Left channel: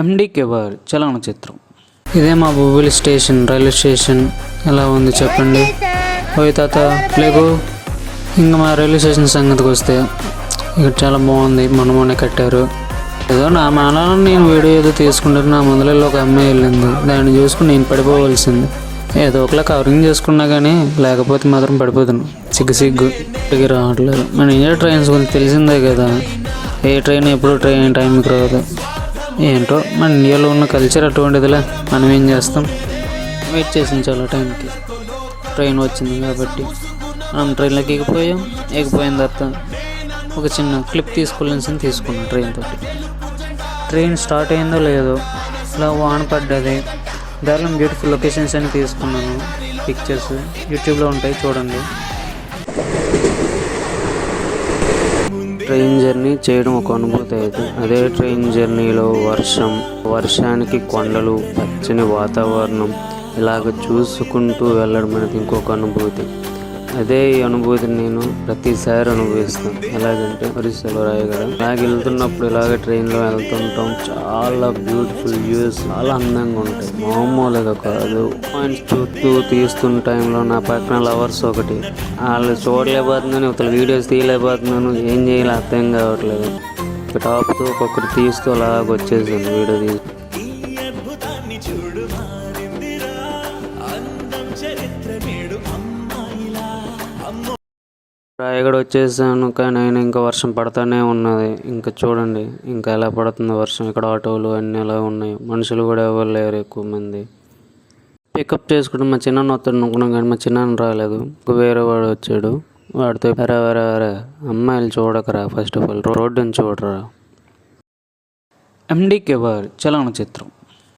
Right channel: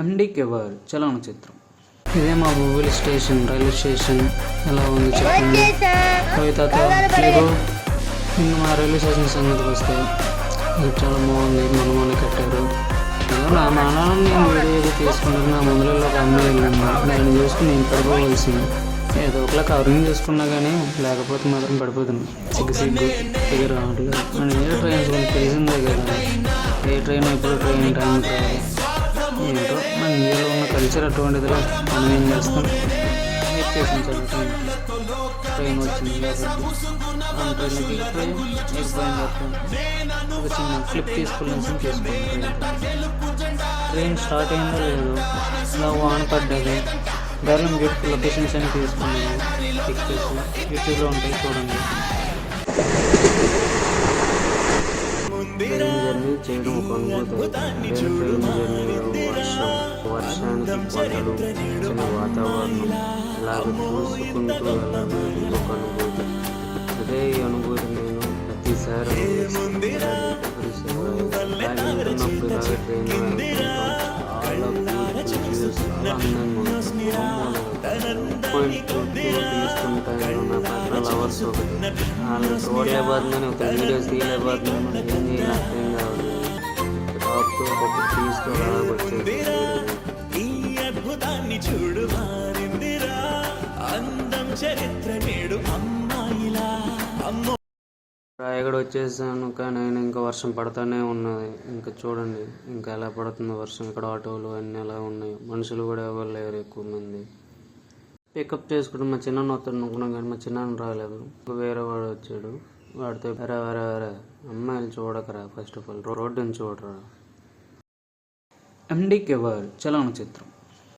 ఎండి కేవర్ చలనచిత్రం. ఇదే మా Bobbili station, railway station. ఎలా ఉంది చెప్పండి. ఓయ్ తాత లేకు. ఇంకా మా రైల్వే స్టేషన్ సంగతికి వస్తే ఇక్కడ చాలా బాగుంది. మొన్న కట్టారు. ఏదో నా మానాలను నేను వీడియో ఏదో తీసుకుంటారు. నా ముందరలో ఒక అమ్మాయి వెళ్ళింది. దాన్ని చూసుకుని నేను పడిపోవలసింది. ఏదో ఒకలా కవరింగ్ చేసుకున్నా కానీ లేకపోతే మాత్రం పడిపోతుంది. సిగ్గు రావట్లేదు. మన ఇండియా ట్రైన్స్ గురించి తెలిసిందే కదా. ఏ ట్రైన్ ఎప్పుడు టైంకి రాదు. ఏంటో మన ఇండియాలో ఉన్న కల్చర్ అటువంటిదిలే. మనం ఏం చేస్తాం, వెయిట్ చేసాం చాలా టైంకి. ట్రైన్ వచ్చింది కాబట్టి మనం ట్రైన్లోకి ఎగిపోయిన తర్వాత ఒక చిన్న క్లిప్ తీసుకోవాల్సింది తీసుకున్నాం. ట్రైన్ స్టార్ట్ అయిందో లేదో ఇలా వాన పడ్డది. దారిలో బ్యూటిఫుల్ లొకేషన్స్ అని తీసుకున్నాను. పిక్చర్స్ యూట్యూబ్లో ఉంటాయి, చూడండి. ట్రైన్ జర్నీ చేయడం ఒక అనుభూతి అయితే, అదే ట్రైన్ జర్నీలో వర్షానికి కొండలు, పచ్చని వాతావరణం ఇలాగ చూసుకుంటూ వెళ్ళడం అనేది ఇంకొక అనుభూతి. అదే ఈ అనుభూతిని నేను ప్రతిసారి అనుభవిస్తాను. ఎలాగంటే హరిశివరాయ గారు ఇలాగ వెళ్తున్నప్పుడు ఇలాగ ట్రైన్లో వెళ్తుంటాం. చాలా బ్యూటిఫుల్ వ్యూస్, చాలా అందంగా ఉంటాయి. మామూలుగా కాదు. చుట్టూ తీస్తున్న టైంలో నా పక్కన లవర్స్ ఒకటి, వాళ్ళు చూడలేకపోతున్నాను, ఒక వీడియోస్ తీయలేకపోతున్నాను. ఏం చేయాలి అర్థం కావట్లేదు. ఒక టాప్తో ఒకటి తీస్తూ అలాగ వచ్చేసాను వీడియో. రాయగడ వచ్చేసాను, కానీ అయినా ఇంకా వర్షం పడుతూనే ఉన్నది. ఇంకా చూడండి ఇంకా ఎలా పడుతుంది వర్షం. ఇక్కడ ఆటోలు అన్నీ ఎలా ఉన్నాయి. మనుషులు కూడా ఎవరు లేరు ఎక్కువ మంది. పికప్ చేసుకుంటే మా చిన్న వస్తాడు అనుకున్నాం, కానీ మా చిన్న రాలేదు. వేరే వాడు వచ్చాడు. వాడితో వరే అమ్మాయిలు చూడకరా, ఫస్ట్ ఆఫ్ ఆల్ రోడ్డుని చూడరా. ఎండి కేవర్ చలనచిత్రం.